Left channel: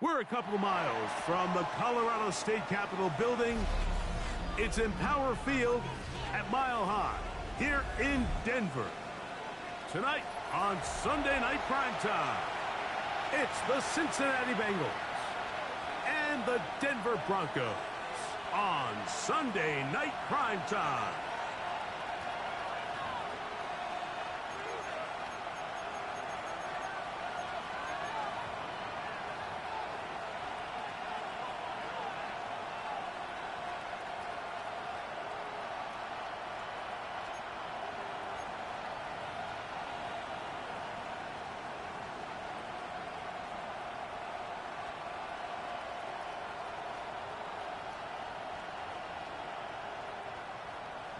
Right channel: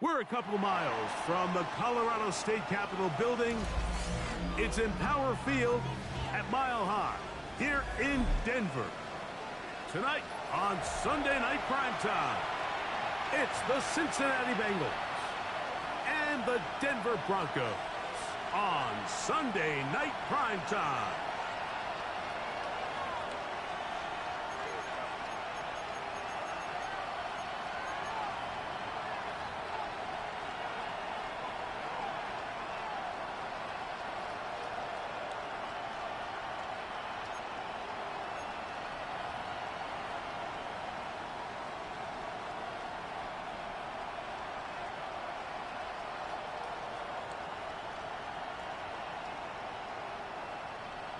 We're a couple of miles from the Colorado State Capitol building. It's Empower Field at Mile High here in Denver. Tonight on Sunday Night Primetime, it's the Cincinnati Bengals and the Denver Broncos on Sunday Night Primetime.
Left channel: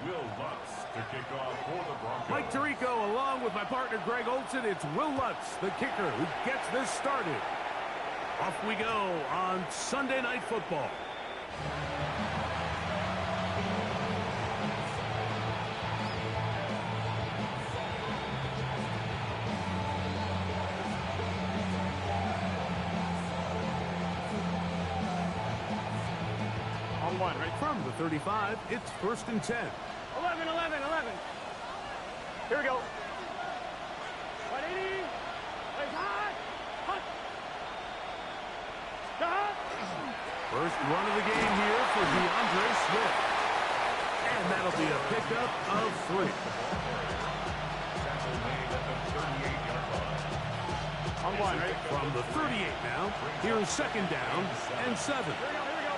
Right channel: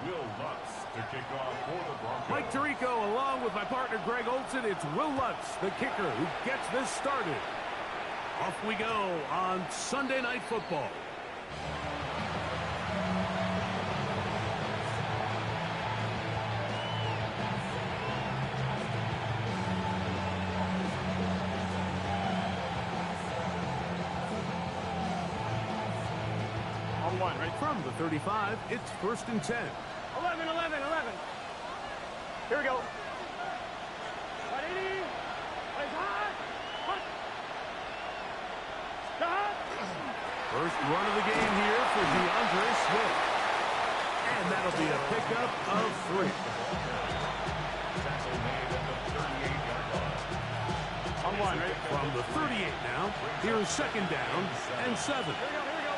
Will Lutz to kick off for the Broncos. Mike Tirico along with my partner Greg Olson. It's Will Lutz, the kicker, who gets this started. Off we go on Sunday Night Football. On one, right? From the 35, it's 1st and 10. 11. Here we go. 180. Plays hot. Hot. Stop. First run of the game here for DeAndre Swift. And that'll be a pickup of 3. Tackle made at the 38-yard line. On one, right? From the 38 now, here's 2nd down and 7. Here we go.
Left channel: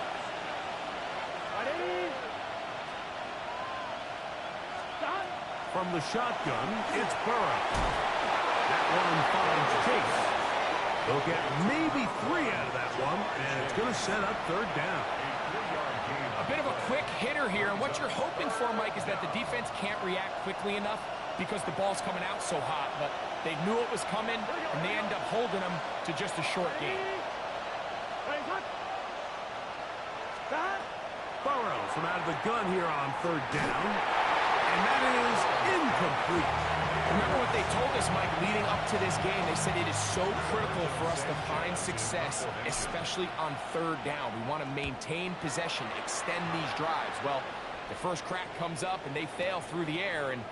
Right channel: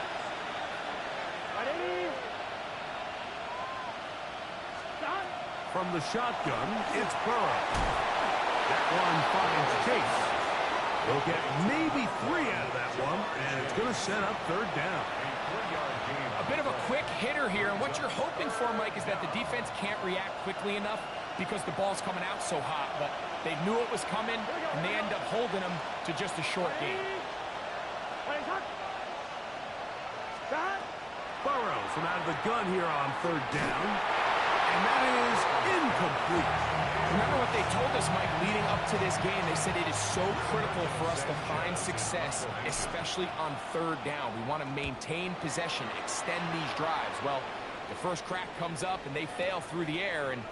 180. Stop. From the shotgun, it's Burrow. That one finds Chase. They'll get maybe 3 out of that one, and it's going to set up 3rd down. A bit of a quick hitter here, and what you're hoping for, Mike, is that the defense can't react quickly enough because the ball's coming out so hot. But they knew it was coming, and they end up holding them to just a short game. Plays hot. Stop. Burrow from out of the gun here on 3rd down, and that is incomplete. Remember what they told us, Mike, leading up to this game. They said it is so critical for us to find success, especially on 3rd down. We want to maintain possession, extend these drives. Well, the first crack comes up, and they fail through the air, and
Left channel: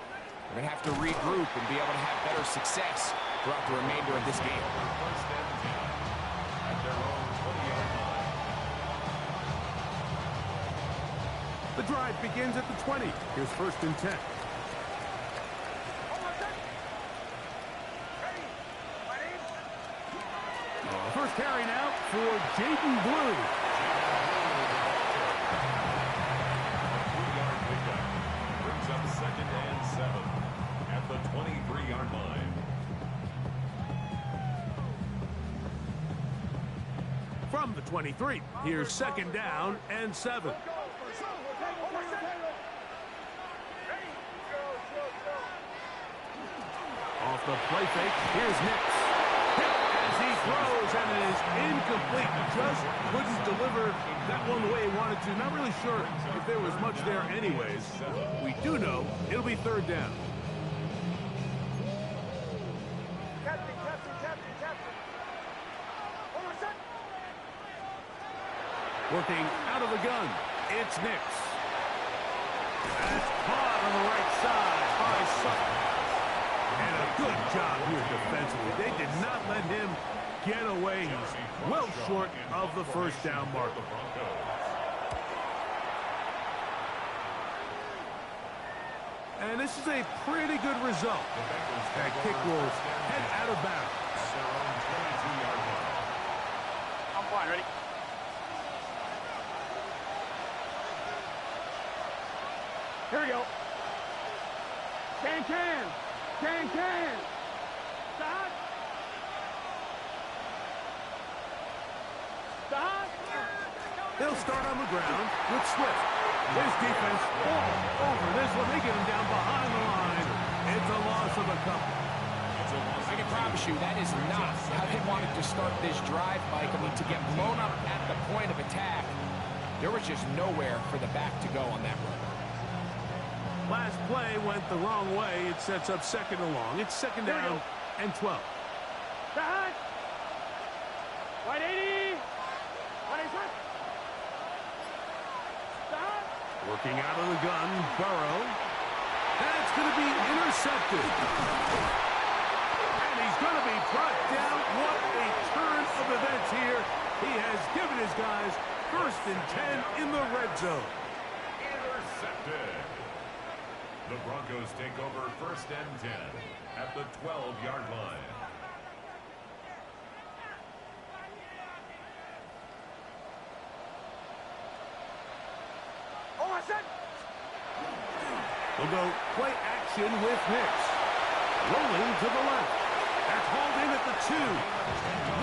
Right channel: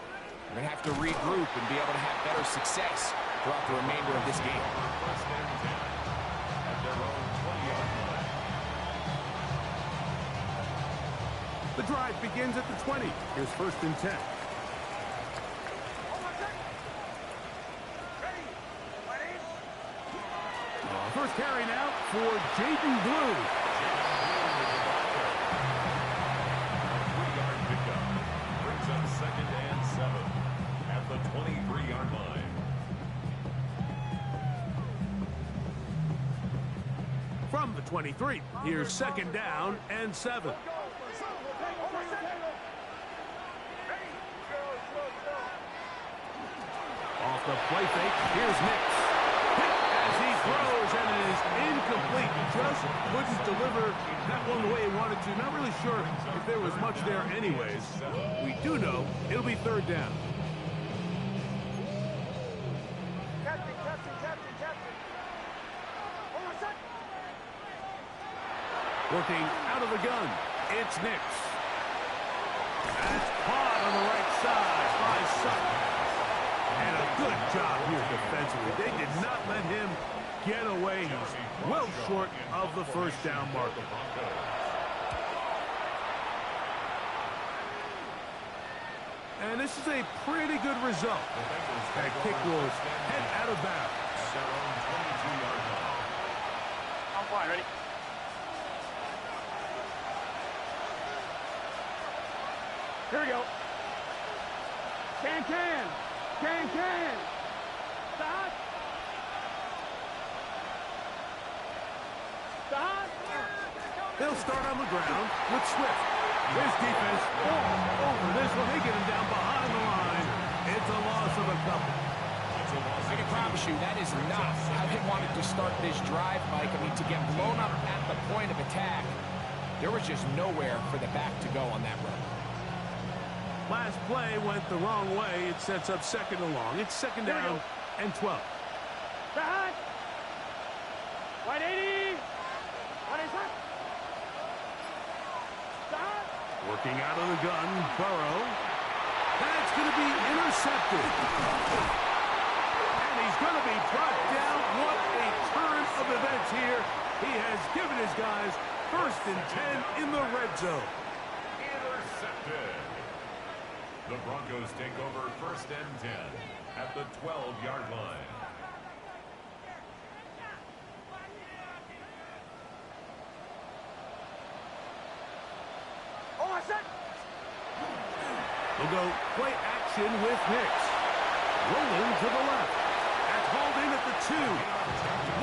we're going to have to regroup and be able to have better success throughout the remainder of this game. 1st and 10 at their own 20-yard line. The drive begins at the 20. Here's 1st and 10. First carry now for Jaden Blue. A 3-yard pickup brings up 2nd and 7 at the 23-yard line. From the 23, here's 2nd down and 7. Off the play fake, here's Nix. Hit as he throws, and it is incomplete. Just couldn't deliver that one the way he wanted to. Not really sure if there was much there anyways. We do know it'll be 3rd down. Captain. Hold on, set. Working out of the gun, it's Nix. That's caught on the right side by Sutton. And a good job here defensively. They did not let him get away. He's well short of the 1st down marker. And this is a pretty good result. That kick will head out of bounds. At their own 22-yard line. I'm fine, ready? Here we go. Can. Stop. They'll start on the ground with Swift. His defense all over this one. They get him down behind the line. It's a loss of a couple. I can promise you that is not how they wanted to start this drive, Mike. I mean, to get blown up at the point of attack, there was just nowhere for the back to go on that run. Last play went the wrong way. It sets up 2nd and long. It's 2nd down and 12. 180. 180. Stop. Working out of the gun, Burrow. That's going to be intercepted. And he's going to be brought down. What a turn of events here. He has given his guys 1st and 10 in the red zone. Intercepted. The Broncos take over 1st and 10 at the 12-yard line. They'll go play action with Hicks. Rolling to the left. That's hauled in at the 2.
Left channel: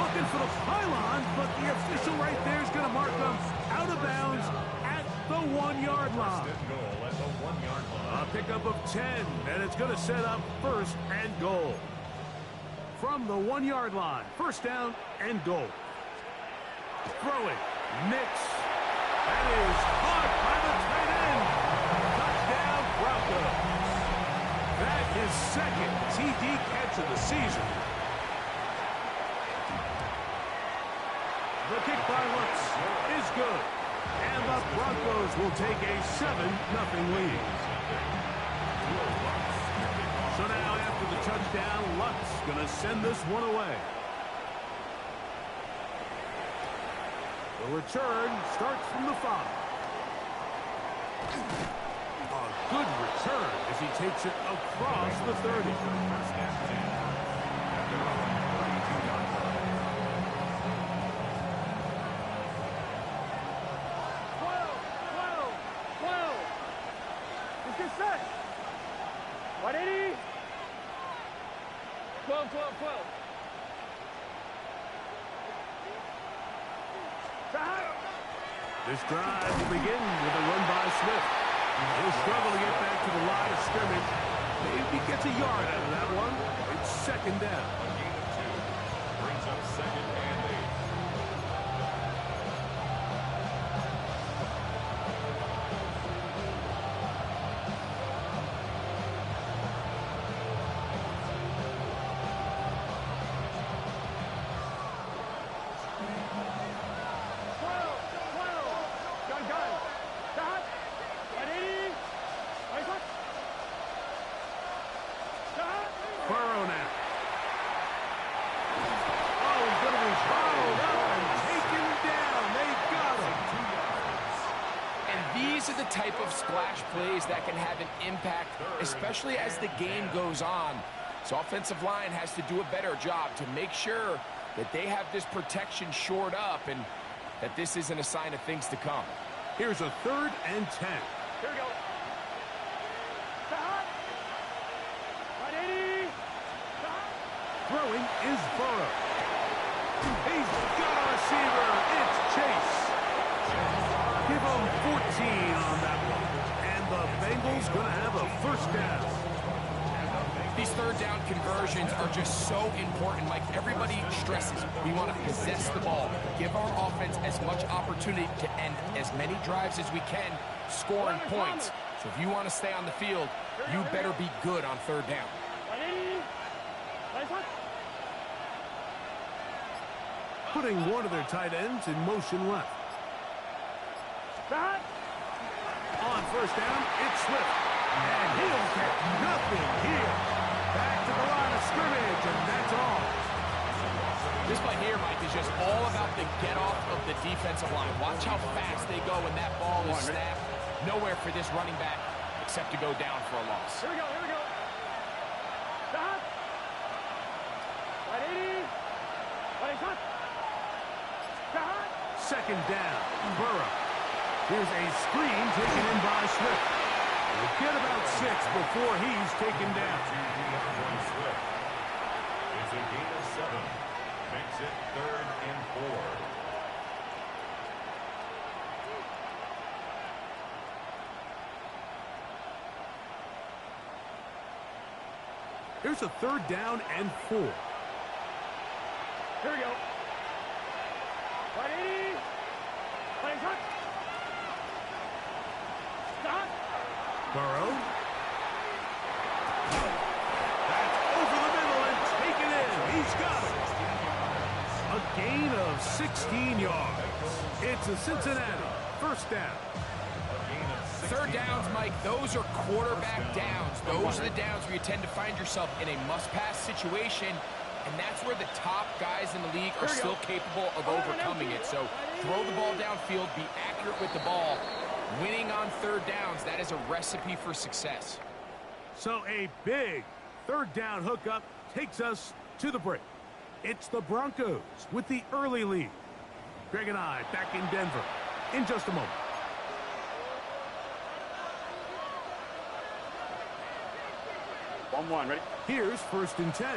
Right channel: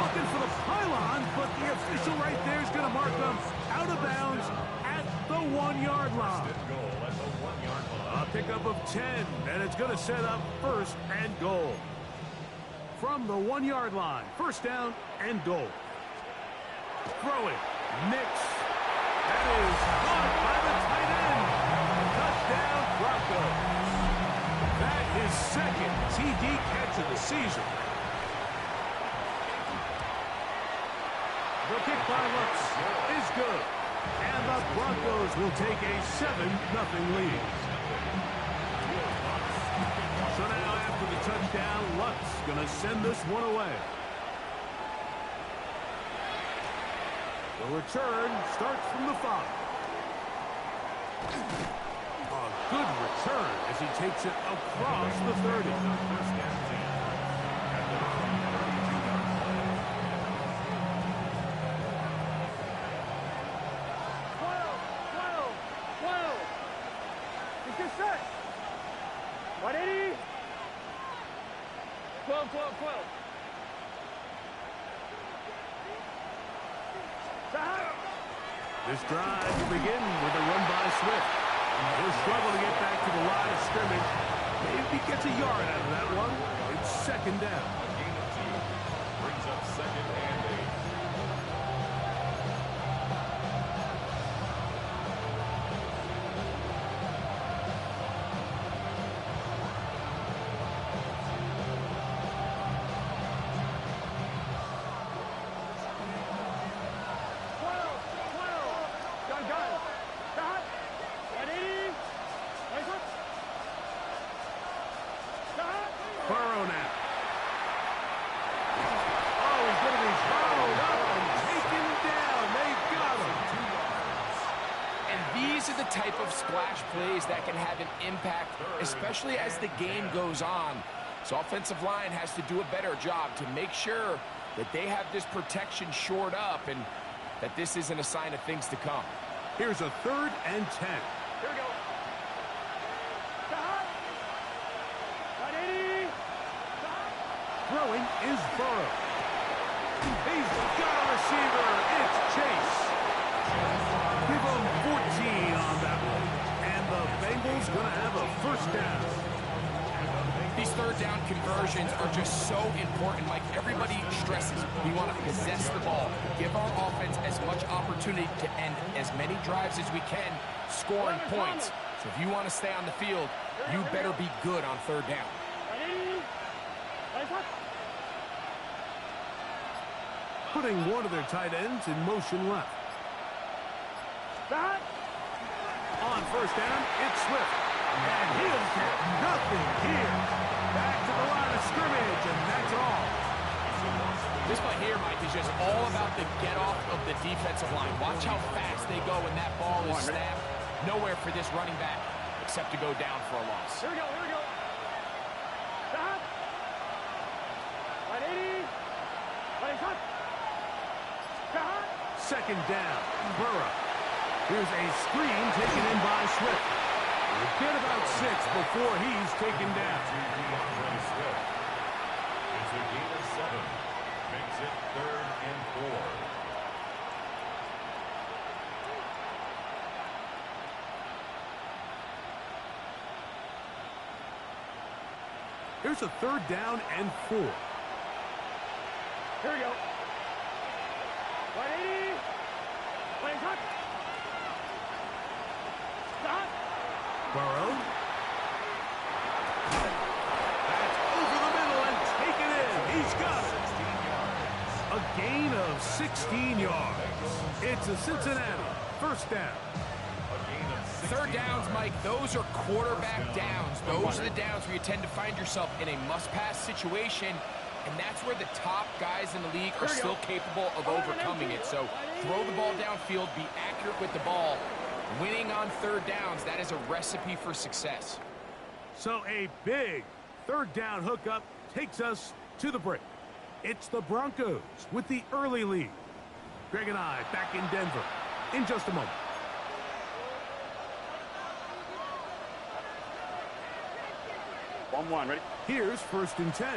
Looking for the pylon, but the official right there is going to mark them out of bounds at the 1-yard line. Goal at the 1-yard line. A pickup of 10, and it's going to set up 1st and goal. From the 1-yard line, 1st down and goal. Throwing, Nix. That is caught by the tight end. Touchdown, Broncos. That is 2nd TD catch of the season. The kick by Lutz is good. And the Broncos will take a 7-0 lead. So now after the touchdown, Lutz going to send this one away. The return starts from the 5. A good return as he takes it across the 30. 1st and 10 at their own 32-yard line. 12. It's good set. 180. 12. This drive will begin with a run by Swift. He'll struggle to get back to the line of scrimmage. Maybe gets a yard out of that one. It's 2nd down. A gain of 2 brings up 2nd and 8. Burrow now. Oh, he's going to be followed up and taken down. They got him. 2 yards. And these are the type of splash plays that can have an impact, especially as the game goes on. So offensive line has to do a better job to make sure that they have this protection shored up and that this isn't a sign of things to come. Here's a 3rd and 10. Here we go. Stop. 180. Stop. Throwing is Burrow. He's got a receiver. It's Chase. Give him 14 on that one. And the Bengals going to have a 1st down. These 3rd down conversions are just so important, Mike. Everybody stresses we want to possess the ball, give our offense as much opportunity to end as many drives as we can, scoring points. So if you want to stay on the field, you better be good on 3rd down. 180. Putting one of their tight ends in motion left. Stop. On 1st down, it's Swift. And he'll get nothing here. Back to the line of scrimmage, and that's all. This play here, Mike, is just all about the get-off of the defensive line. Watch how fast they go when that ball is snapped. Nowhere for this running back except to go down for a loss. Here we go. Stop. 180. 180. Stop. 2nd down, Burrow. Here's a screen taken in by Swift. We'll get about 6 before he's taken down. Swift. It's a gain of 7. Makes it 3rd and 4. Here's a 3rd down and 4. Here we go. 180. 180. Stop. Burrow. That's over the middle and taken in. He's got it. 16 yards. A A gain of 16 yards. It's a Cincinnati first down. Third downs, Mike, those are quarterback downs. Those are the downs where you tend to find yourself in a must-pass situation, and that's where the top guys in the league are still capable of overcoming it. So throw the ball downfield, be accurate with the ball. Winning on third downs, that is a recipe for success. So a big third down hookup takes us to the break. It's the Broncos with the early lead. Greg and I back in Denver in just a moment. One, ready? Here's 1st and 10.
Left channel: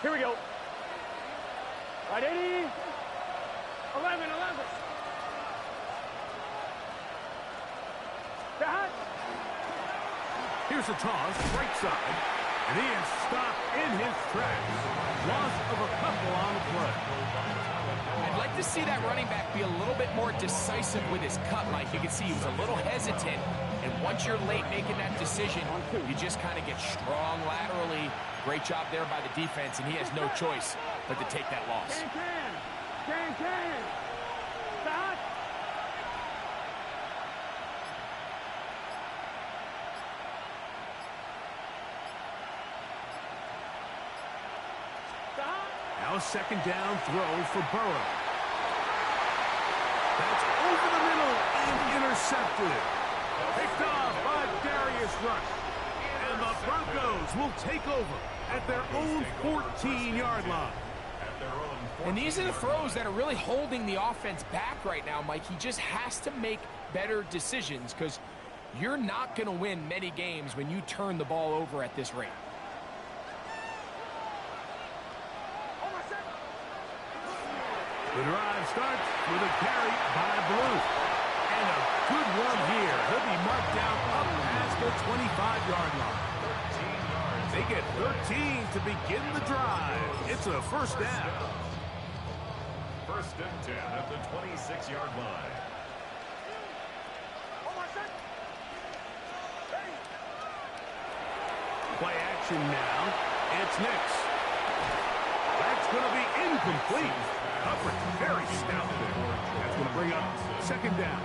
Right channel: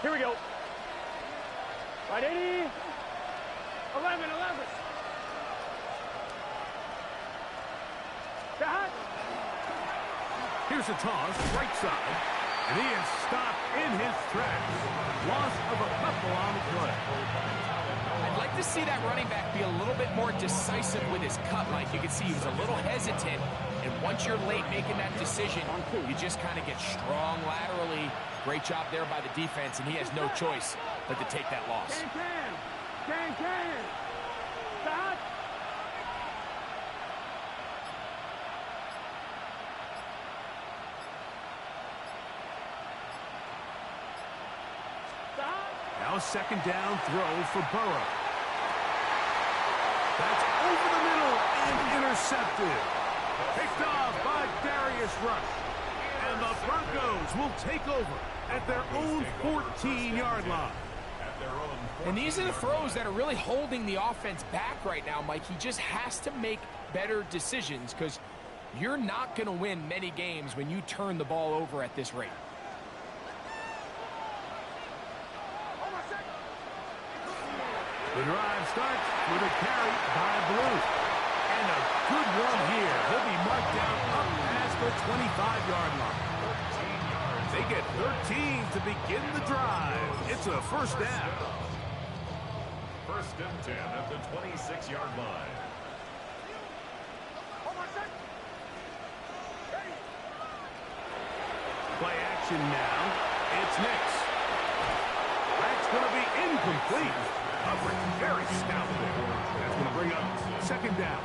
Here we go. Right, 80. 11. Back. Here's a toss, right side, and he is stopped in his tracks. Loss of a couple on the play. I'd like to see that running back be a little bit more decisive with his cut, Mike. You can see he was a little hesitant, and once you're late making that decision, you just kind of get strong laterally. Great job there by the defense, and he has no choice but to take that loss. Can. Stop. Now a second down throw for Burrow. That's over the middle and intercepted. Picked off by Darius Rush. And the Broncos will take over at their own 14-yard line. And these are the throws that are really holding the offense back right now, Mike. He just has to make better decisions because you're not going to win many games when you turn the ball over at this rate. The drive starts with a carry by Blue. And a good one here. He'll be marked down up past the 25-yard line. 13 yards. They get 13 to begin the drive. It's a first down. 1st and 10 at the 26-yard line. Play action now. It's Nix. That's going to be incomplete. Coverage very stout there. That's going to bring up second down.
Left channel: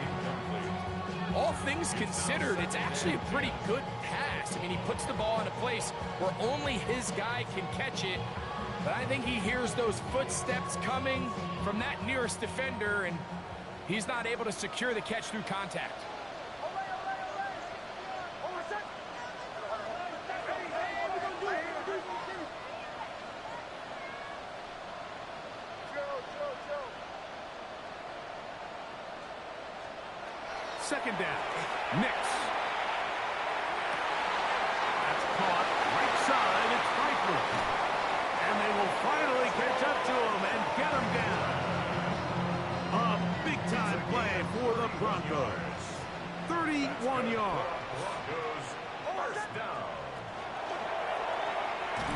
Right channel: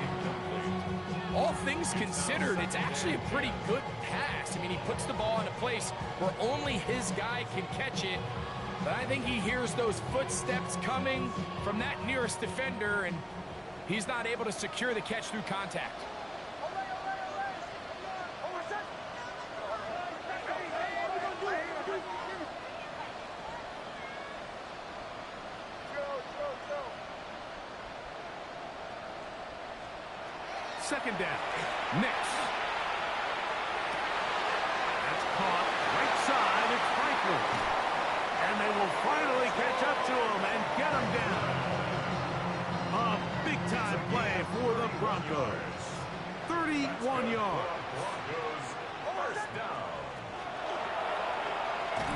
All things considered, it's actually a pretty good pass. I mean, he puts the ball in a place where only his guy can catch it. But I think he hears those footsteps coming from that nearest defender, and he's not able to secure the catch through contact. Second down. Nix. That's caught right side. It's Franklin. And they will finally catch up to him and get him down. A big-time play for the Broncos. 31 yards. Broncos first down.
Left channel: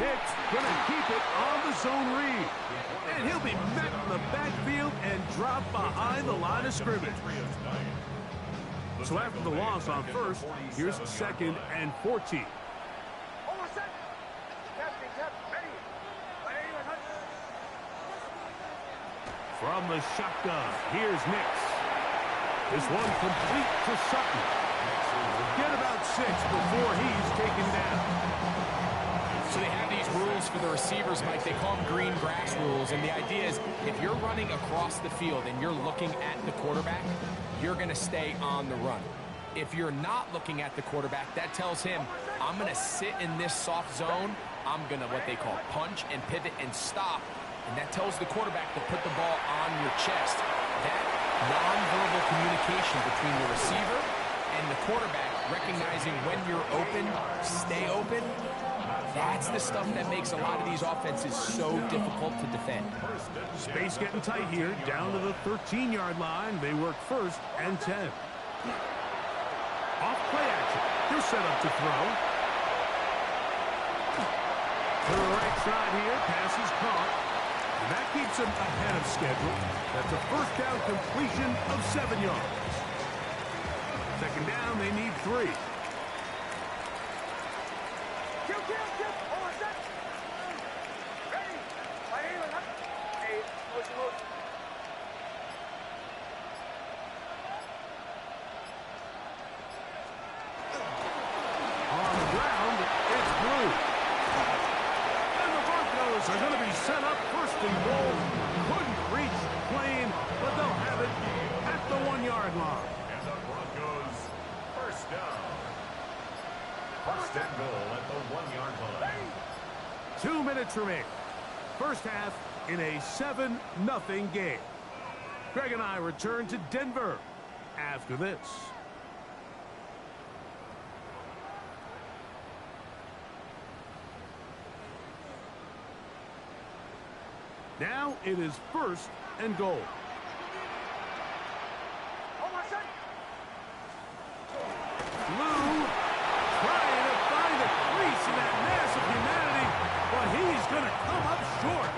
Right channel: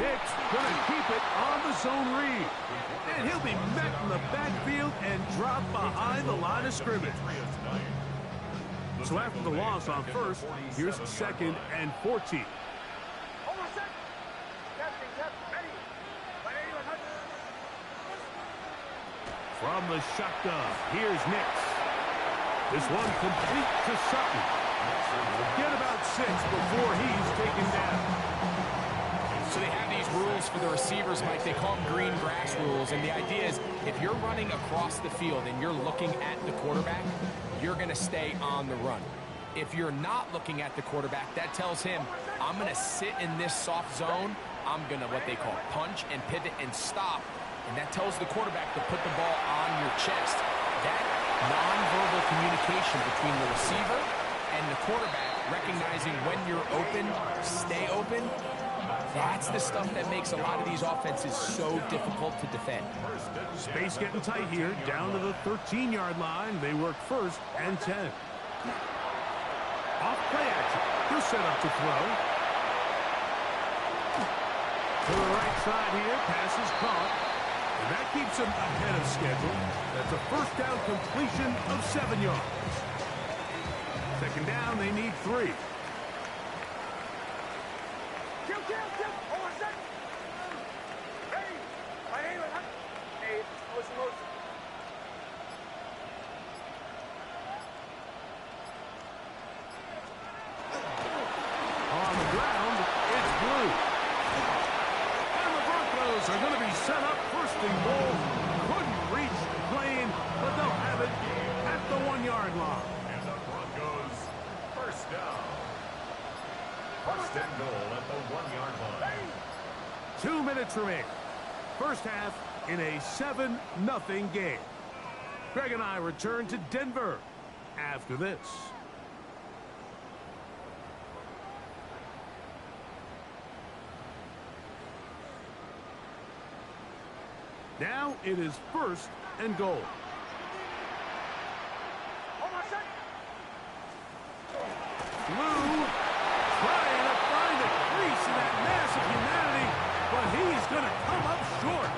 Nix going to keep it on the zone read. And he'll be met in the backfield and dropped behind the line of scrimmage. So after the loss on first, here's 2nd and 14. From the shotgun, here's Nix. This one complete to Sutton. We'll get about 6 before he's taken down. So they have these rules for the receivers, Mike. They call them green grass rules. And the idea is if you're running across the field and you're looking at the quarterback, you're going to stay on the run. If you're not looking at the quarterback, that tells him, I'm going to sit in this soft zone. I'm going to what they call punch and pivot and stop. And that tells the quarterback to put the ball on your chest. That nonverbal communication between the receiver and the quarterback, recognizing when you're open, stay open, that's the stuff that makes a lot of these offenses so difficult to defend. Space getting tight here, down to the 13-yard line. They work 1st and 10. Off play action. They're set up to throw. To the right side here, pass is caught. And that keeps him ahead of schedule. That's a first down completion of 7 yards. Second down, they need 3. Bengals are going to be set up first and goal. Couldn't reach the plane, but they'll have it at the 1-yard line. And the Broncos first down. First and goal at the 1-yard line. 2 minutes remaining. First half in a 7-0 game. Greg and I return to Denver after this. Now it is first and goal. Lou trying to find a crease in that mass of humanity, but he's going to come up short.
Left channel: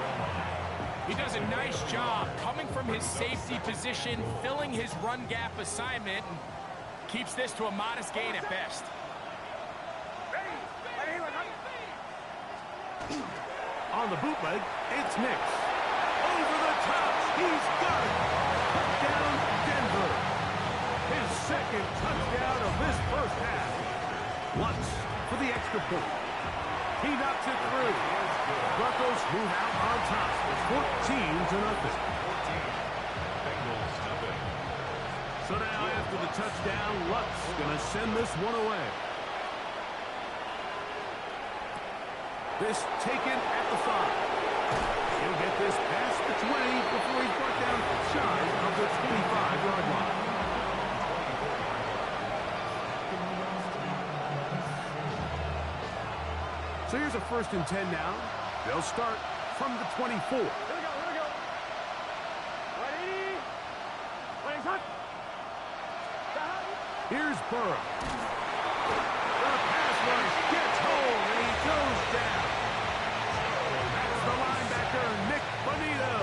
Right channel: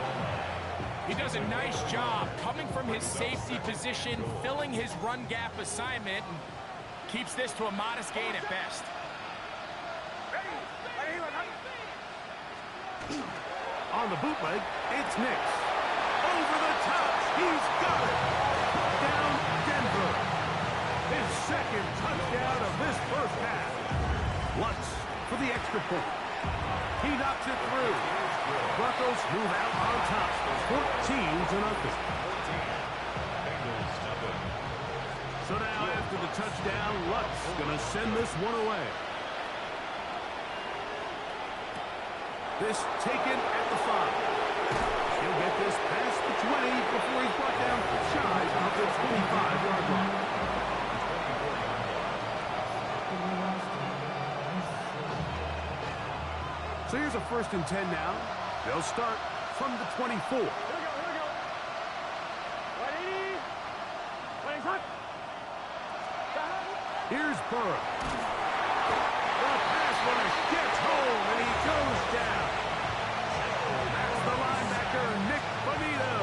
He does a nice job coming from his safety position, filling his run gap assignment, and keeps this to a modest gain at best. On the bootleg, it's Nix. Over the top, he's got it. Touchdown, Denver. His second touchdown of this first half. Lutz for the extra point. He knocks it through. Broncos move out on top, 14-0. Bengals nothing. So now after the touchdown, Lutz going to send this one away. This taken at the 5. He'll get this past the 20 before he's brought down shy of the 25-yard line. 24-yard line. So here's a 1st and 10 now. They'll start from the 24. Here we go. Ready? Running hot. Here's Burrow. The pass rush gets home, and he goes down. That's the linebacker, Nick Bonito.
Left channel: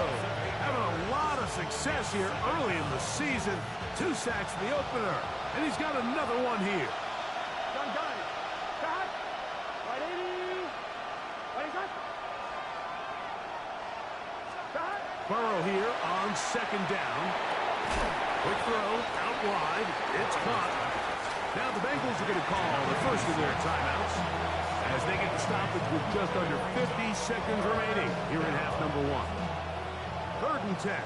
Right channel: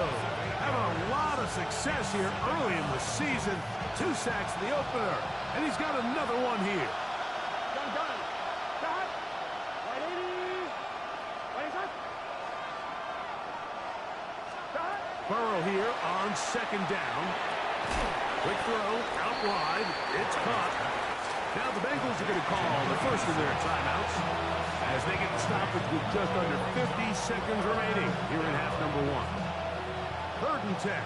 Having a lot of success here early in the season. 2 sacks in the opener, and he's got another one here. Gun. Shot. 180. Running hot. Shot. Burrow here on 2nd down. Quick throw, out wide. It's caught. Now the Bengals are going to call the first of their timeouts as they get the stoppage with just under 50 seconds remaining here in half number 1. 3rd and 10.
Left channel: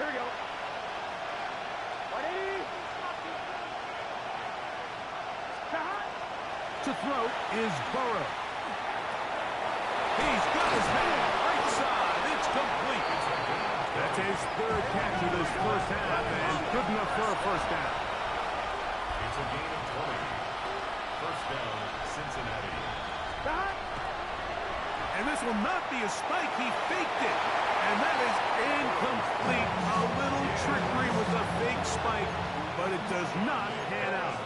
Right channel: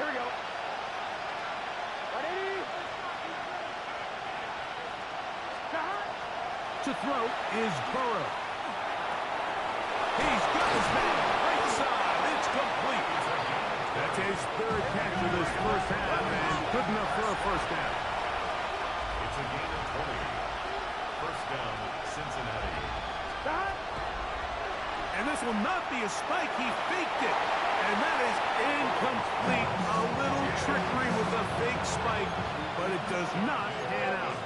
Here we go. 180. Shot. To throw is Burrow. He's got his man right side. It's complete. That's his 3rd catch of this first half, and good enough for a first down. It's a gain of 20. First down, Cincinnati. Shot. And this will not be a spike. He faked it. And that is incomplete. A little trickery with the fake spike, but it does not pan out.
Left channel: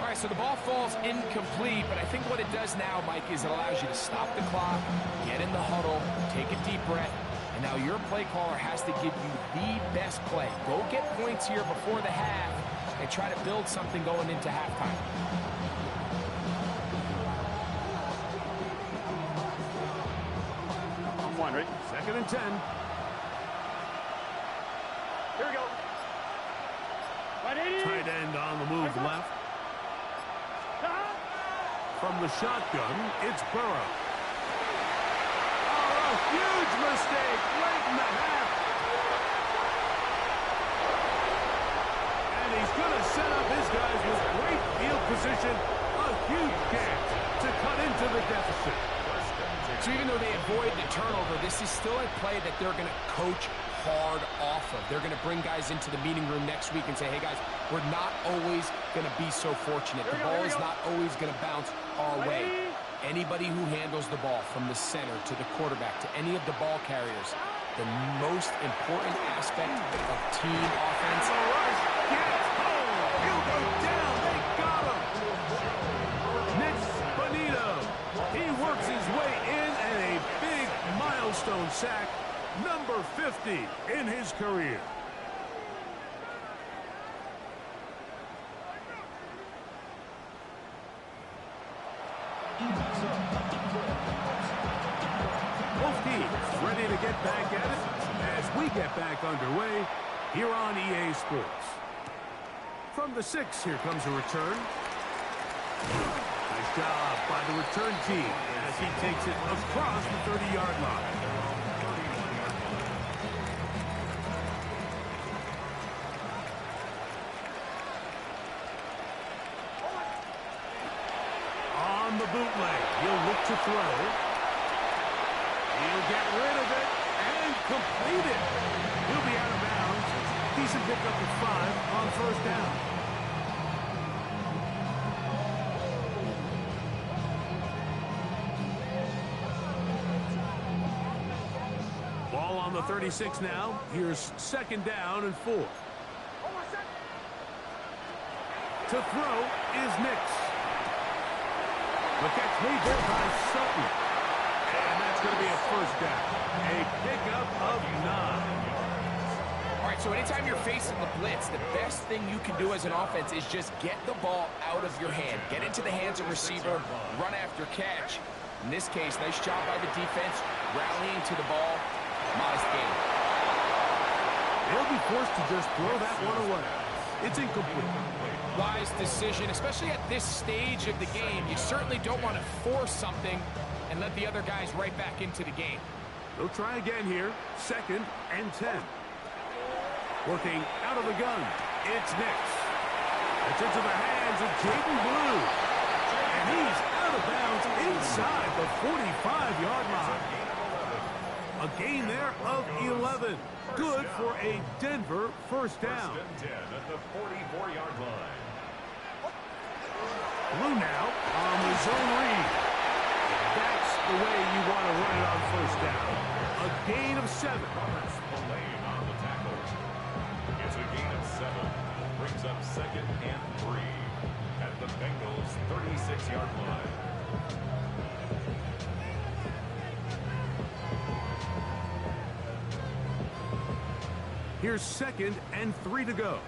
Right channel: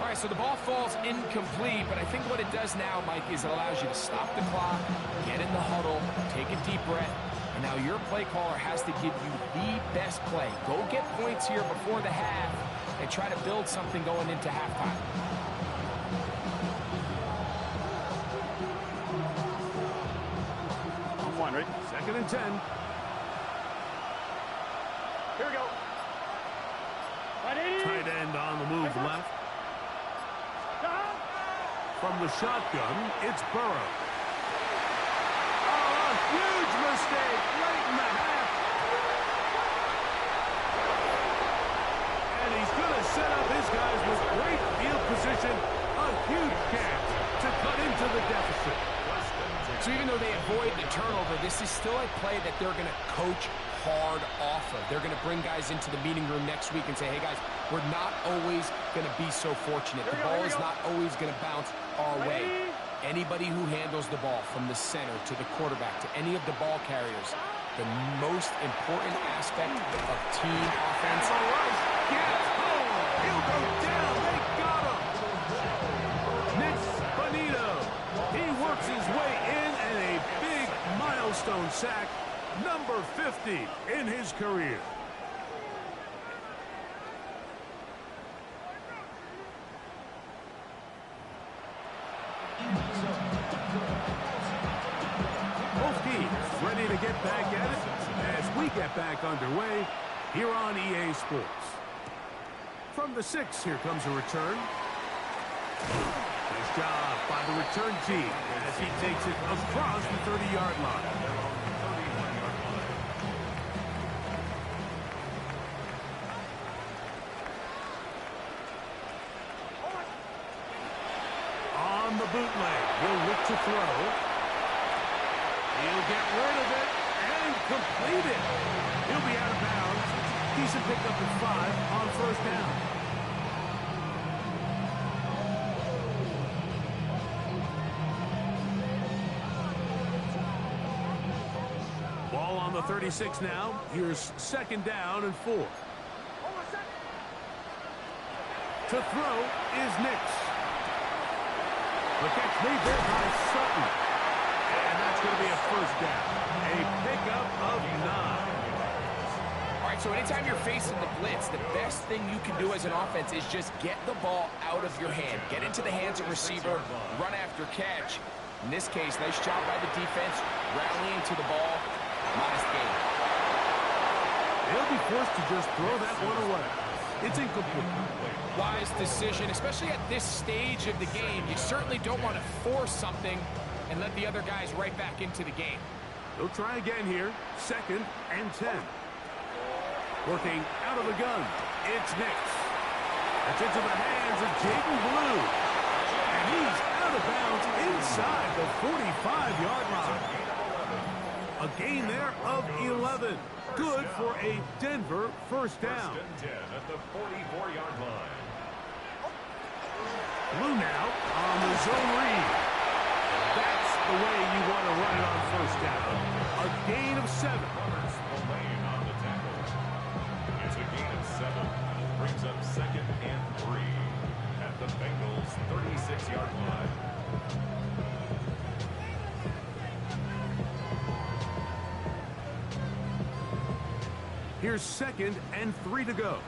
All right, so the ball falls incomplete, but I think what it does now, Mike, is it allows you to stop the clock, get in the huddle, take a deep breath, and now your play caller has to give you the best play. Go get points here before the half and try to build something going into halftime. On 1, right? 2nd and 10. Here we go. 180. Tight end on the move left. Shot. From the shotgun, it's Burrow. Oh, a huge mistake late in the half. And he's going to set up his guys with great field position. A huge chance to cut into the deficit. So even though they avoid the turnover, this is still a play that they're going to coach hard off of. They're going to bring guys into the meeting room next week and say, hey, guys, we're not always going to be so fortunate. The ball is not always going to bounce our way. Anybody who handles the ball from the center to the quarterback to any of the ball carriers, the most important aspect of team offense. And the rush gets home. He'll go down. They got him. Nick Bonito. He works his way in and a big milestone sack. Number 50 in his career. Both teams ready to get back at it as we get back underway here on EA Sports. From the 6, here comes a return. Nice job by the return team as he takes it across the 30-yard line. At their own 31-yard line. On the bootleg, he'll look to throw. He'll get rid of it and complete it. He'll be out of bounds. Decent pickup at 5 on first down. Ball on the 36 now. Here's second down and 4. To throw is Nix. The catch made there by Sutton. And that's going to be a first down. A pickup of 9. All right, so anytime you're facing the blitz, the best thing you can do as an offense is just get the ball out of your hand. Get into the hands of receiver, run after catch. In this case, nice job by the defense, rallying to the ball. Modest gain. They'll be forced to just throw that one away. It's incomplete. Wise decision, especially at this stage of the game. You certainly don't want to force something and let the other guys right back into the game. They'll try again here. Second and 10. Working out of the gun. It's Nix. That's into the hands of Jaden Blue. And he's out of bounds inside the 45-yard line. A gain there of 11. Good for a Denver first down. First and 10 at the 44-yard line. Blue now on the zone read. That's the way you want to run it on first down. A gain of 7. Roberts Spillane on the tackle. It's a gain of 7. Brings up second and 3 at the Bengals' 36-yard line. Here's second and 3 to go.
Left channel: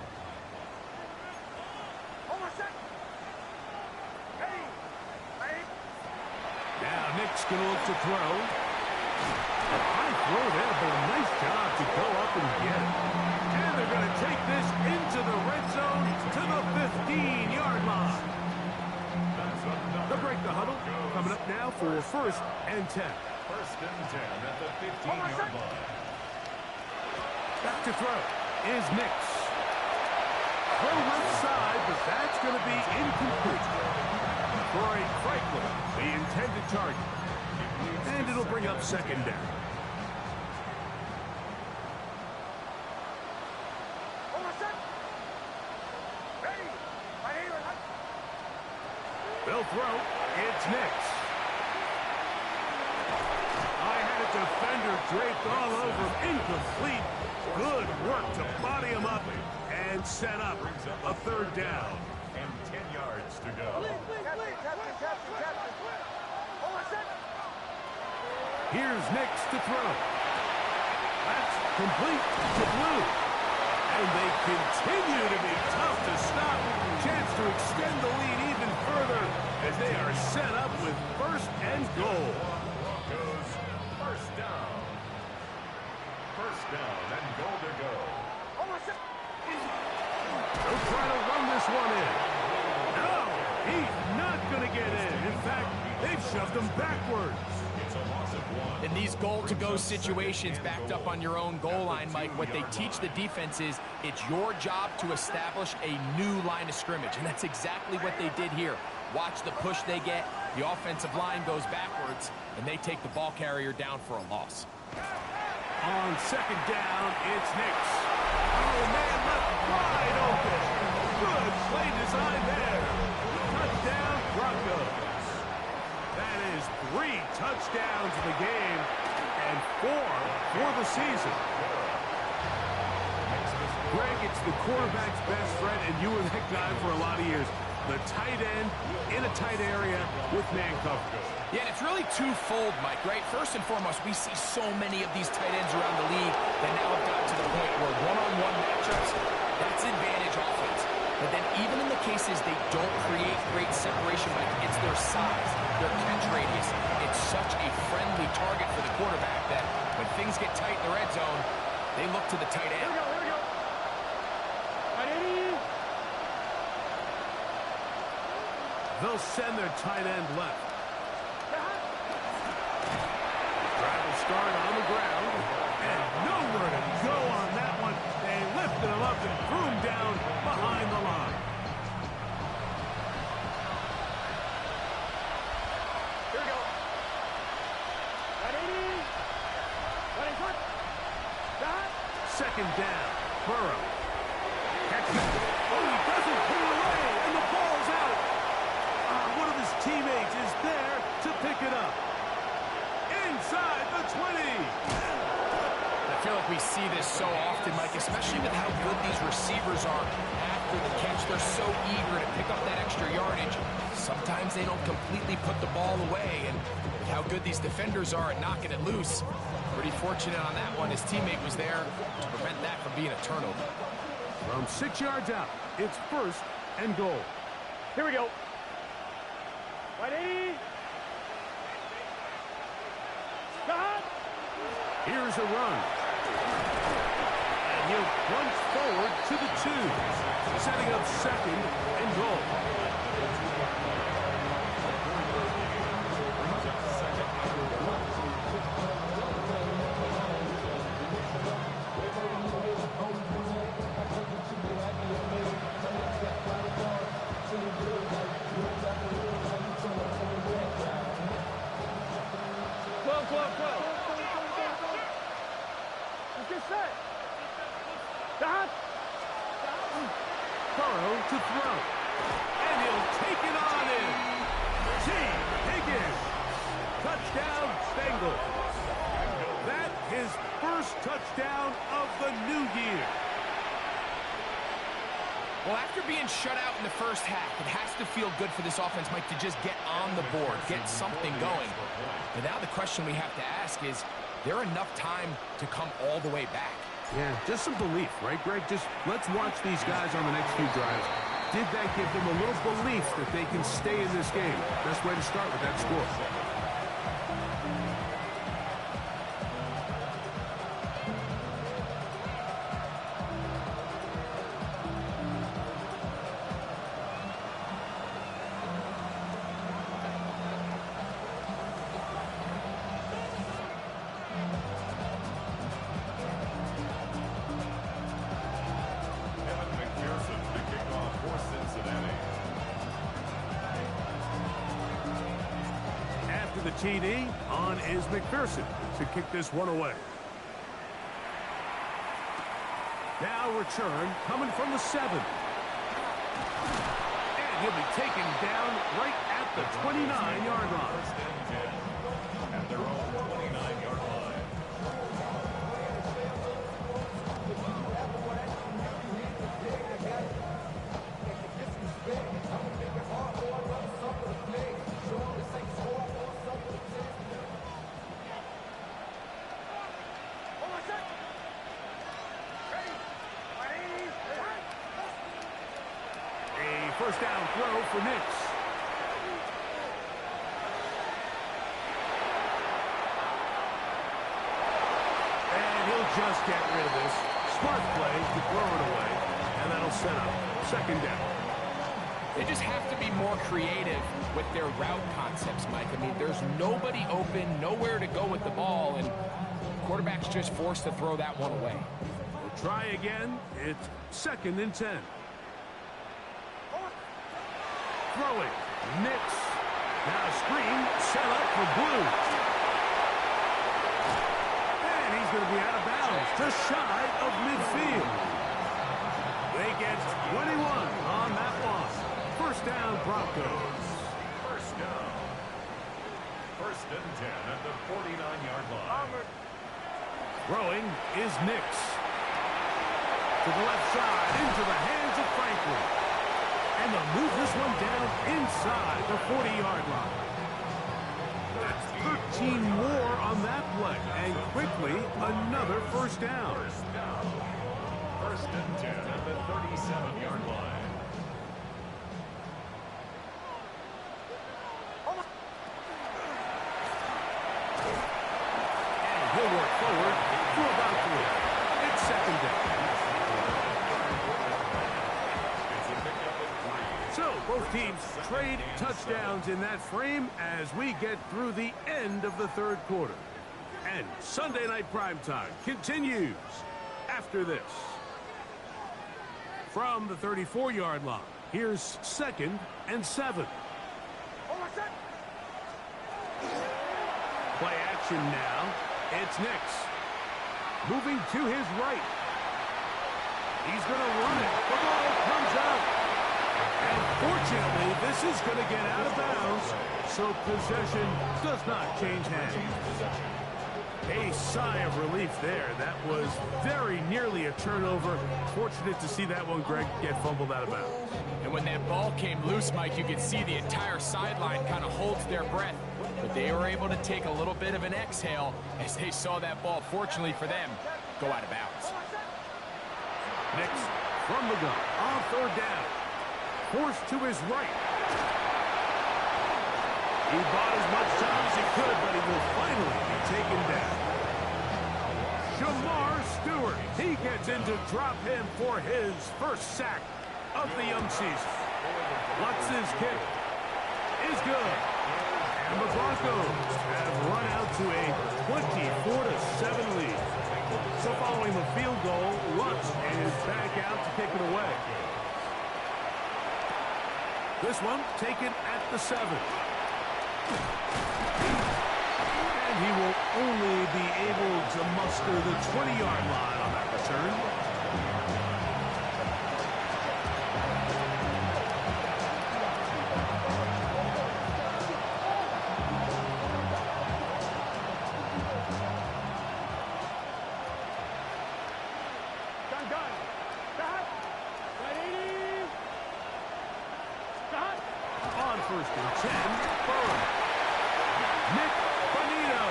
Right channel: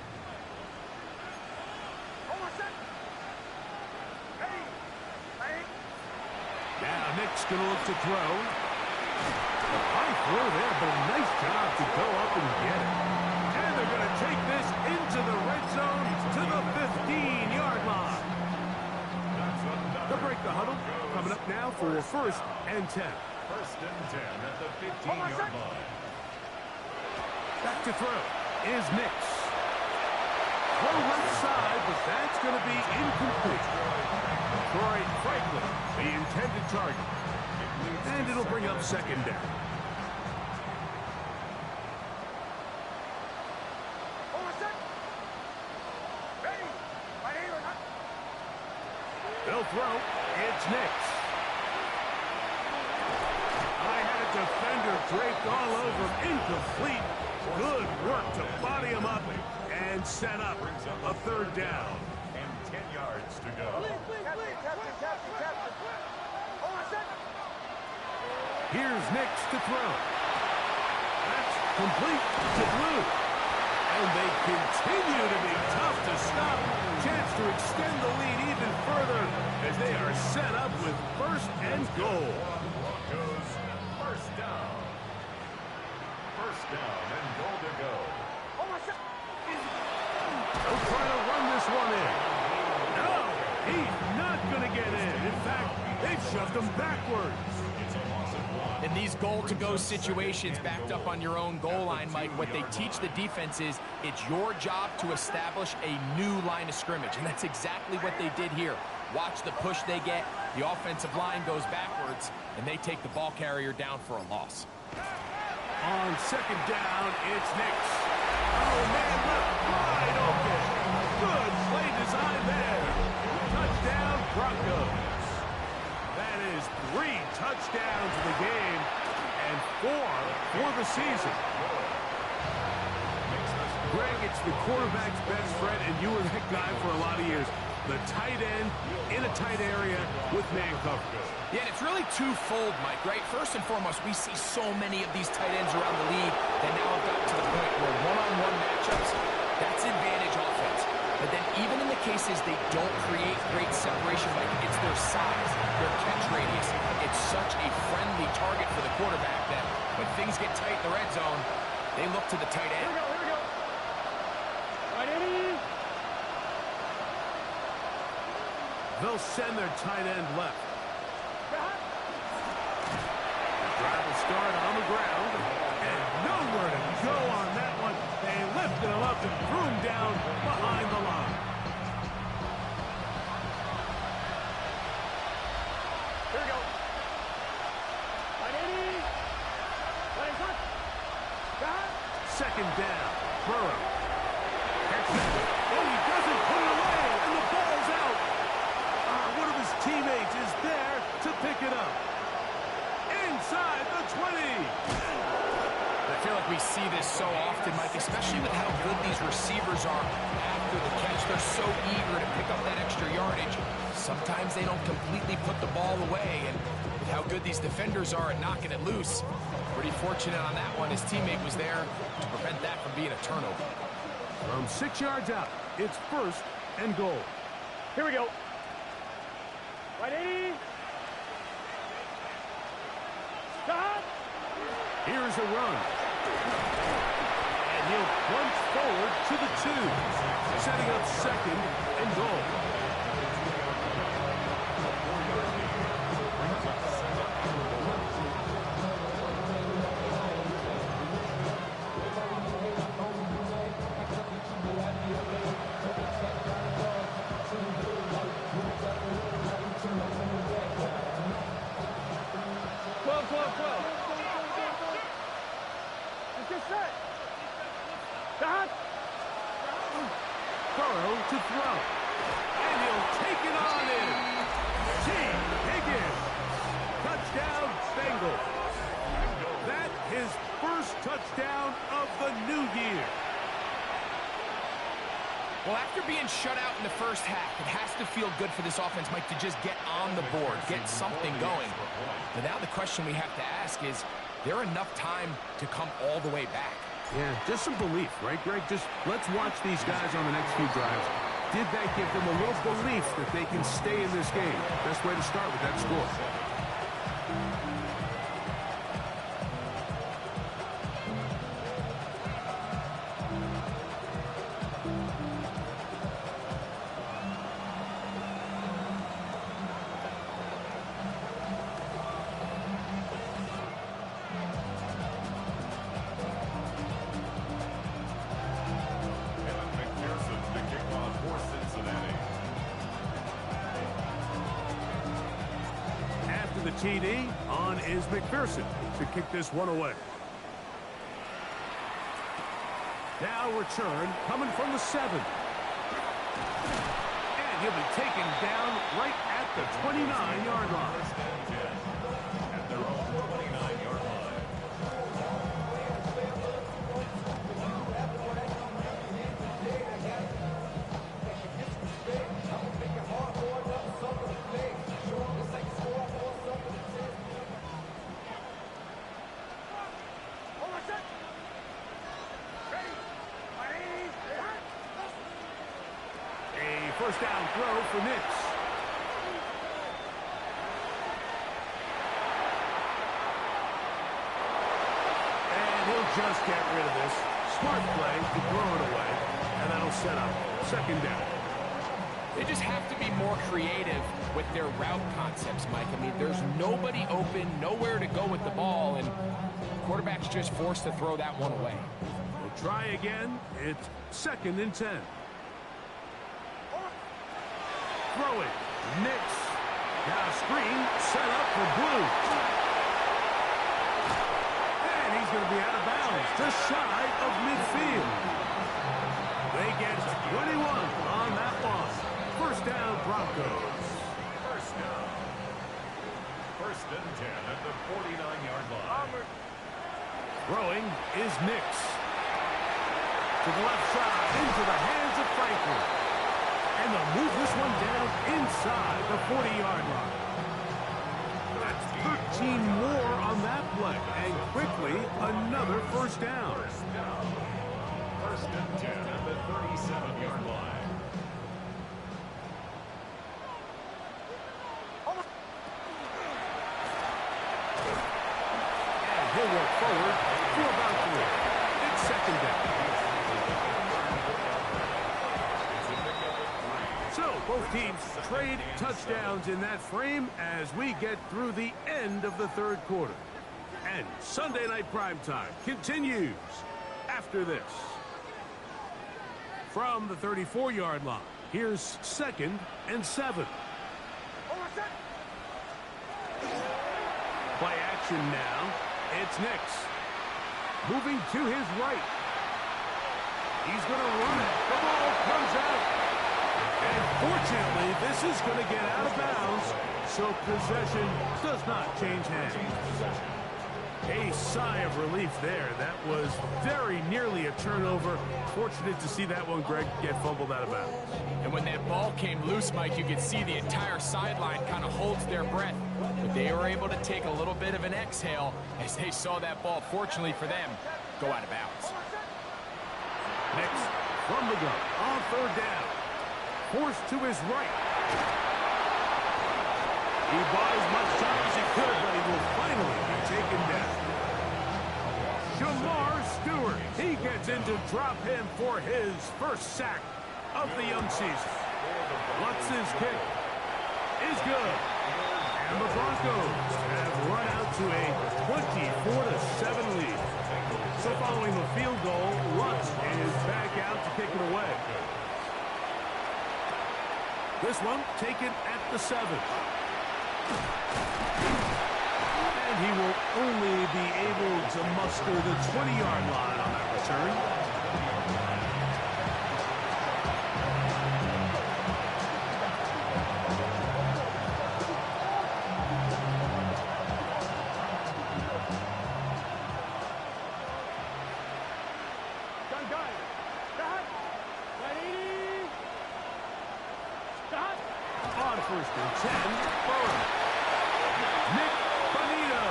Now Nick's going to look to throw. A high throw there, but a nice job to go up and get it. And they're going to take this into the red zone to the 15-yard line. They'll break the huddle. Coming up now for first and 10. First and 10 at the 15-yard line. Back to throw is Nix. Throw left side, but that's going to be incomplete. Troy Franklin, the intended target. And it'll bring up second down. They'll throw. It's Nix. I had a defender draped all over him. Incomplete. Good work to body him up and set up a third down. And 10 yards to go. Here's Nix to throw. That's complete to Blue. And they continue to be tough to stop. Chance to extend the lead even further as they are set up with first and goal. Broncos, first down. First down and goal to go. They'll try to run this one in. No, he's not going to get in. In fact, they've shoved him backwards. It's a loss of 1. In these goal-to-go situations backed up on your own goal line, Mike, what they teach the defense is it's your job to establish a new line of scrimmage, and that's exactly what they did here. Watch the push they get. The offensive line goes backwards, and they take the ball carrier down for a loss. On second down, it's Nix. Oh, man, left wide open. Good play design there. Touchdown, Broncos. That is 3 touchdowns in the game and 4 for the season. Greg, it's the quarterback's best friend, and you were that guy for a lot of years. The tight end in a tight area with man coverage. Yeah, and it's really twofold, Mike, right? First and foremost, we see so many of these tight ends around the league that now have gotten to the point where one-on-one matchups, that's advantage offense. But then even in the cases they don't create great separation, Mike, it's their size, their catch radius. It's such a friendly target for the quarterback that when things get tight in the red zone, they look to the tight end. Here we go. Right, Eddie. They'll send their tight end left. Drive will start on the ground. And nowhere to go on that one. They lifted him up and threw him down behind the line. Here we go. 180. 25. Second down. Burrow. Catches it. Oh, he doesn't put it away, and the ball's out. One of his teammates is there to pick it up. Inside the 20. I feel like we see this so often, Mike, especially with how good these receivers are after the catch. They're so eager to pick up that extra yardage. Sometimes they don't completely put the ball away, and with how good these defenders are at knocking it loose, pretty fortunate on that one. His teammate was there to prevent that from being a turnover. From 6 yards out, it's first and goal. Here we go. 180. Stop. Here's a run. And he'll plunge forward to the 2, setting up second and goal. Get set. Stop. Burrow to throw. And he'll take it on in. T. Higgins. Touchdown, Bengal. That his first touchdown of the new year. Well, after being shut out in the first half, it has to feel good for this offense, Mike, to just get on the board, get something going. But now the question we have to ask is there enough time to come all the way back? Yeah, just some belief, right, Greg? Just let's watch these guys on the next few drives. Did that give them a little belief that they can stay in this game? Best way to start with that score. The TD on is McPherson to kick this one away. Now return coming from the 7. And he'll be taken down right at the 29-yard line. At their own 29-yard line. First down throw for Nix. And he'll just get rid of this. Smart play to throw it away. And that'll set up second down. They just have to be more creative with their route concepts, Mike. I mean, there's nobody open, nowhere to go with the ball, and quarterback's just forced to throw that one away. We'll try again. It's second and 10. Throwing. Nix. Now screen set up for Blue. And he's going to be out of bounds, just shy of midfield. They get 21 on that one. First down, Broncos. First down. First and 10 at the 49-yard line. Throwing is Nix. To the left side, into the hands of Franklin. And they'll move this one down inside the 40-yard line. That's 13 more on that play. And quickly, another first down. First and 10 at the 37-yard line. And he'll work forward for about 3. It's second down. It's a pickup of 3. So both teams trade touchdowns in that frame as we get through the end of the third quarter. And Sunday Night Primetime continues after this. From the 34-yard line, here's 2nd and 7. Play action now. It's Nix. Moving to his right. He's going to run it. The ball comes out. And fortunately, this is going to get out of bounds, so possession does not change hands. A sigh of relief there. That was very nearly a turnover. Fortunate to see that one, Greg, get fumbled out of bounds. And when that ball came loose, Mike, you could see the entire sideline kind of holds their breath. But they were able to take a little bit of an exhale as they saw that ball, fortunately for them, go out of bounds. Nix from the gun on 3rd down. Forced to his right. He bought as much time as he could, but he will finally be taken down. Shamar Stewart. He gets in to drop him for his first sack of the young season. Lutz's kick is good. And the Broncos have run out to a 24-7 lead. So following the field goal, Lutz is back out to kick it away. This one taken at the 7. And he will only be able to muster the 20-yard line on that return. Gun. Stop. 180. Stop. On 1st and 10, Burrow. Nick Bonito.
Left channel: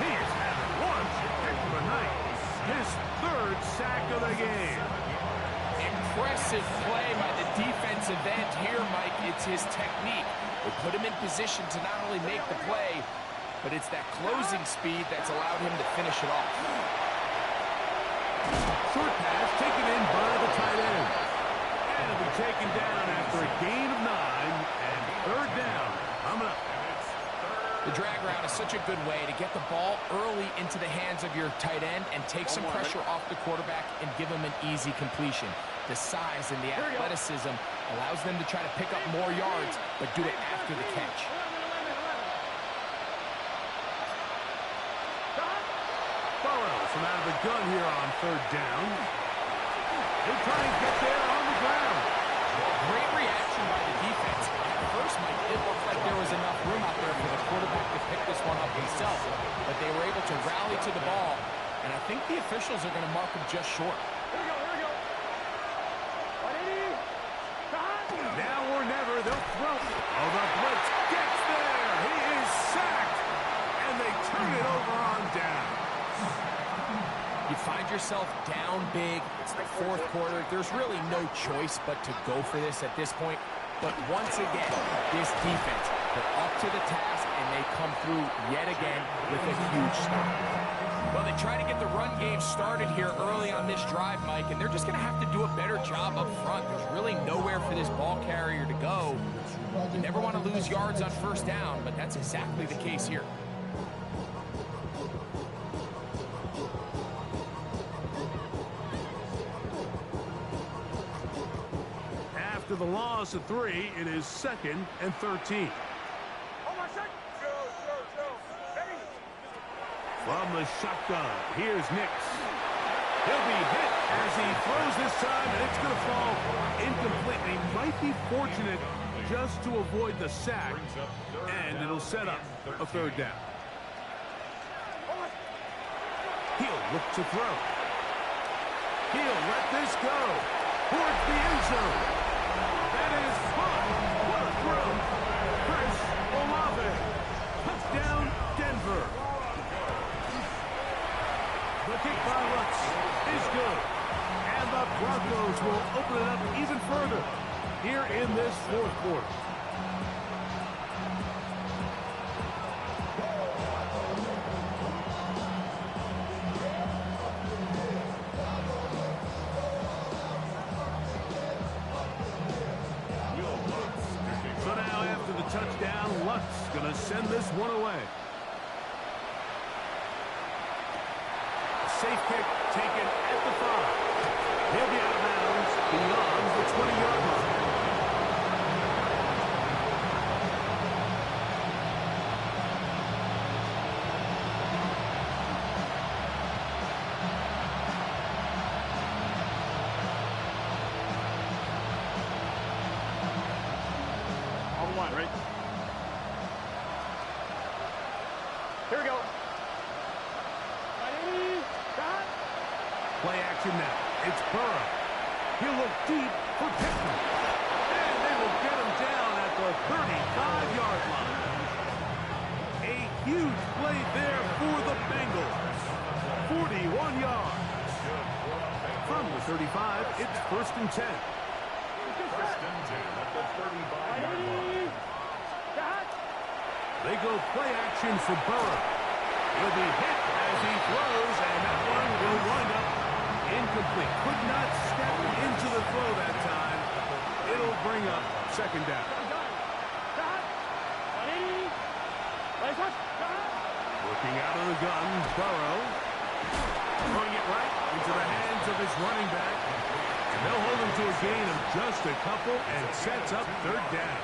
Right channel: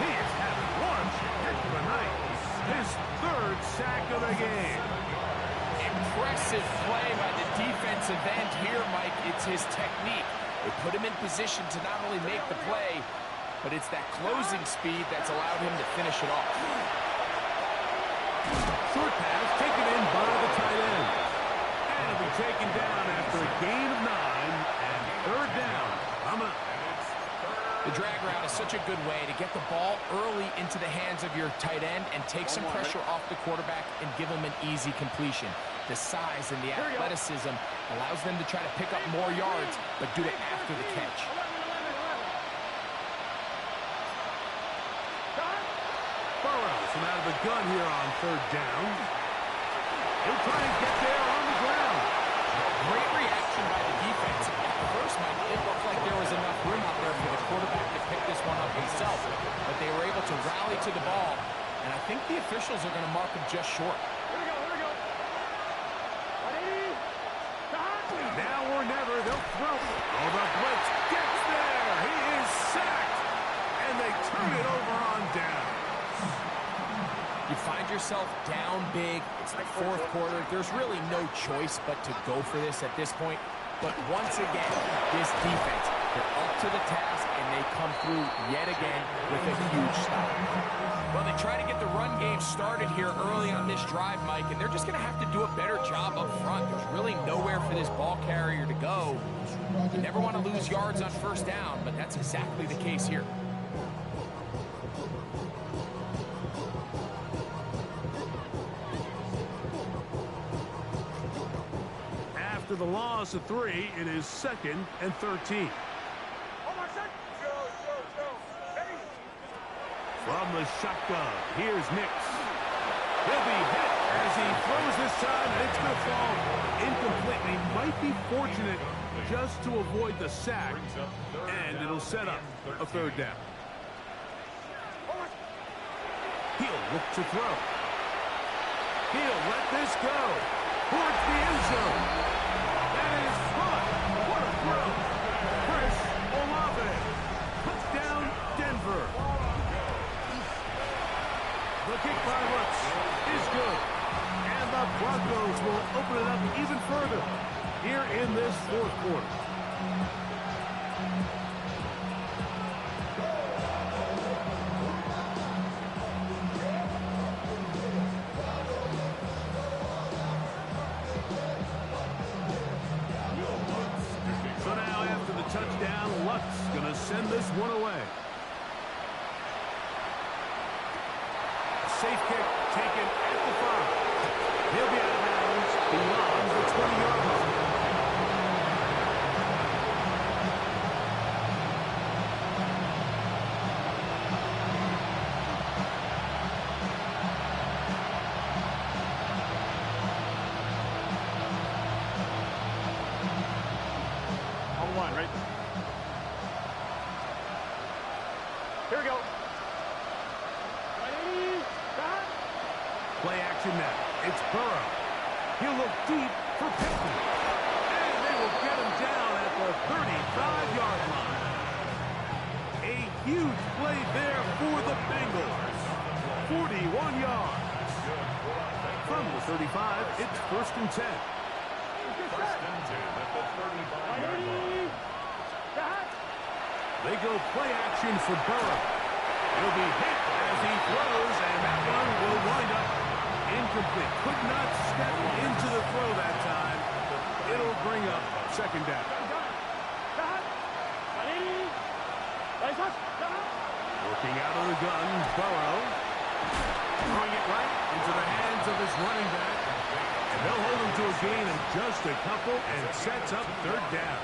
He is having one heck of a night. His 3rd sack of the game. Impressive play by the defensive end here, Mike. It's his technique. They put him in position to not only make the play, but it's that closing speed that's allowed him to finish it off. Short pass taken in by the tight end. And it'll be taken down after a gain of 9 and 3rd down. Coming up. The drag route is such a good way to get the ball early into the hands of your tight end and take some pressure off the quarterback and give him an easy completion. The size and the athleticism allows them to try to pick up more yards, but do it after the catch. Burrow from out of the gun here on 3rd down. He'll try and get there on the ground. Great reaction by the defense. At first, Mike, it looked like there was enough room out there for the quarterback to pick this one up himself, but they were able to rally to the ball, and I think the officials are going to mark him just short. Here we go. 180. Stop. Now or never, they'll throw. Oh, the blitz gets there. He is sacked, and they turn it over on down. You find yourself down big. It's the 4th quarter. There's really no choice but to go for this at this point. But once again, this defense, they're up to the task, and they come through yet again with a huge stop. Well, they try to get the run game started here early on this drive, Mike, and they're just going to have to do a better job up front. There's really nowhere for this ball carrier to go. You never want to lose yards on 1st down, but that's exactly the case here. After the loss of 3, it is 2nd and 13. From the shotgun, here's Nix. He'll be hit as he throws this time, and it's going to fall incomplete. And he might be fortunate just to avoid the sack, and it'll set up a 3rd down. He'll look to throw. He'll let this go towards the end zone. That is fun. What a throw. Chris Olave. Touchdown, Denver. The kick by Lutz is good. And the Broncos will open it up even further here in this 4th quarter. touchdown. Luck's going to send this one away. A safe kick taken at the 5. He'll be out of bounds beyond the 20-yard line. One, right? Here we go. Right, 80. Got. Play action now. It's Burrow. He'll look deep for Pittman. And they will get him down at the 35-yard line. A huge play there for the Bengals. 41 yards. From the 35, it's 1st and 10. First and 10 at the 35-yard line. They go play action for Burrow. He'll be hit as he throws, and that one will wind up incomplete. Could not step into the throw that time. It'll bring up 2nd down. Working out of the gun, Burrow. Throwing it right into the hands of his running back. And they'll hold him to a gain of just a couple and sets up 3rd down.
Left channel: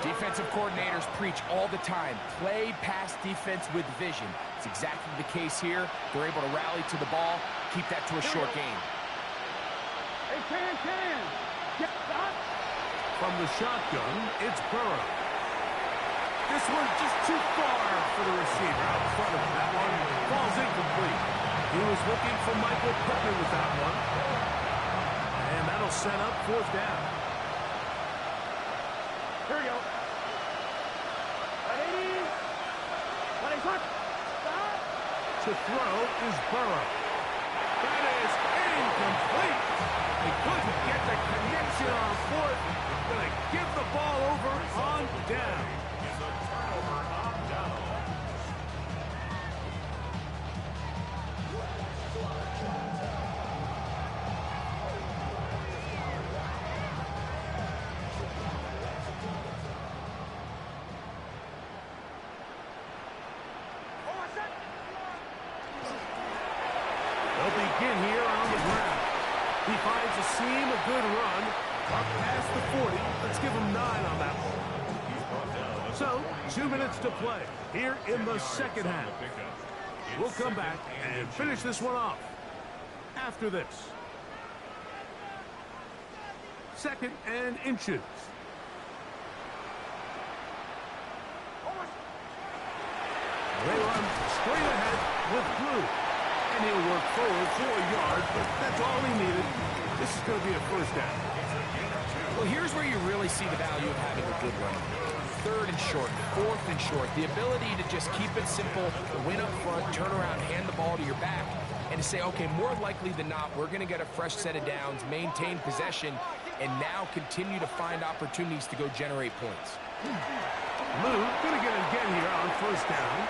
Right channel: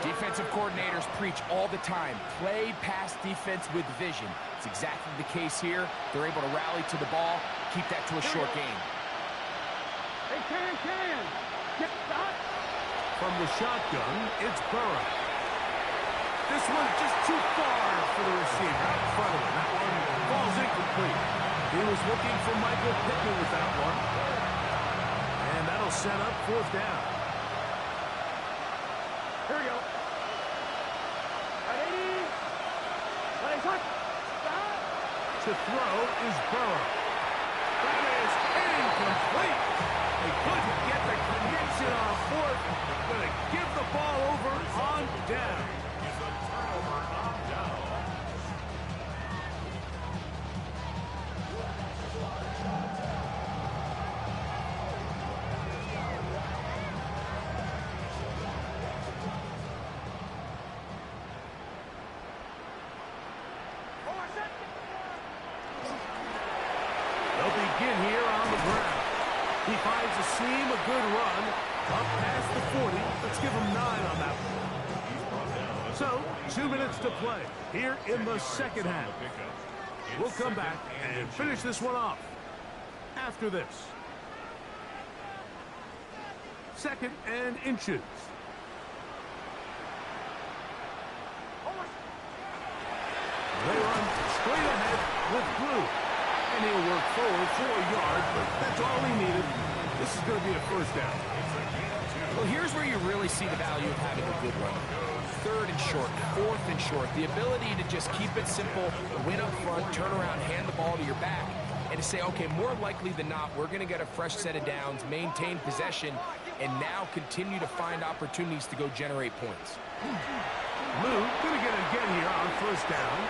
Defensive coordinators preach all the time, play pass defense with vision. It's exactly the case here. They're able to rally to the ball, keep that to a short gain. Hey, can. Get that. From the shotgun, it's Burrow. This one just too far for the receiver out in front of him. That one falls incomplete. He was looking for Michael Pittman with that one. And that'll set up 4th down. Here we go. Right, 80. Let him touch. To throw is Burrow. That is incomplete. They couldn't get the connection on 4th. Going to give the ball over on down. Is a turnover on down. They'll begin here on the ground. He finds a seam, a good run, up past the 40. Let's give him 9 on that one. So, 2 minutes to play here in the 2nd half. We'll come back and finish this one off after this. 2nd and inches. They run straight ahead with Blue. And he'll work forward for a yard, but that's all he needed. This is going to be a 1st down. Well, here's where you really see the value of having a good run. 3rd and short, 4th and short. The ability to just keep it simple, win up front, turn around, hand the ball to your back, and to say, okay, more likely than not, we're going to get a fresh set of downs, maintain possession, and now continue to find opportunities to go generate points. Lou going to get it again here on 1st down.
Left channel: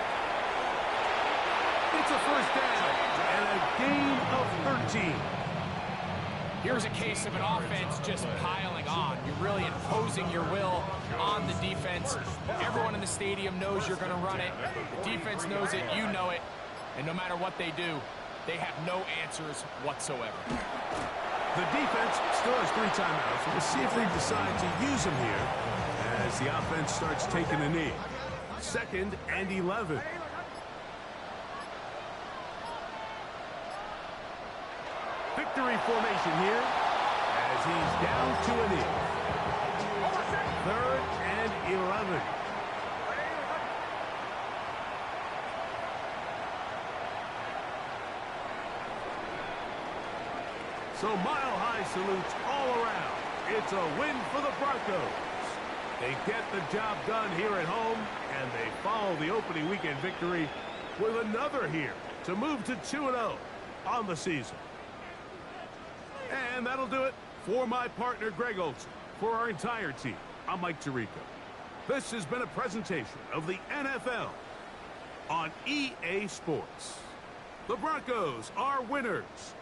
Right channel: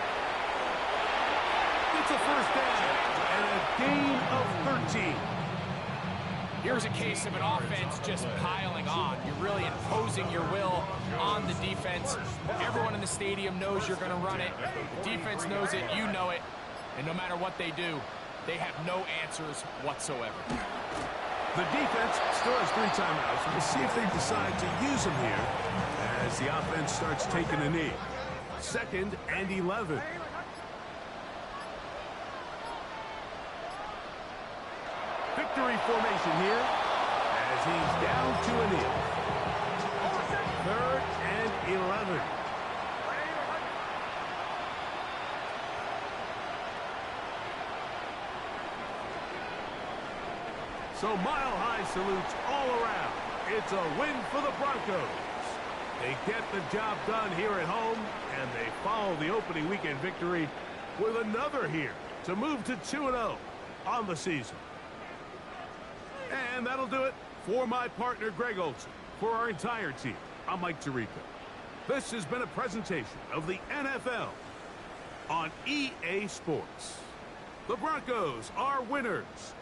It's a 1st down and a gain of 13. Here's a case of an offense just piling on. You're really imposing your will on the defense. Everyone in the stadium knows you're going to run it. The defense knows it, you know it. And no matter what they do, they have no answers whatsoever. The defense still has 3 timeouts. We'll see if they decide to use them here as the offense starts taking a knee. 2nd and 11. Victory formation here as he's down to a knee. 3rd and 11. So mile-high salutes all around. It's a win for the Broncos. They get the job done here at home, and they follow the opening weekend victory with another here to move to 2-0 on the season. And that'll do it for my partner, Greg Olson. For our entire team, I'm Mike Tirico. This has been a presentation of the NFL on EA Sports. The Broncos are winners.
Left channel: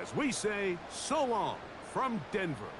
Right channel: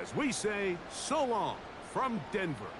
As we say, so long from Denver.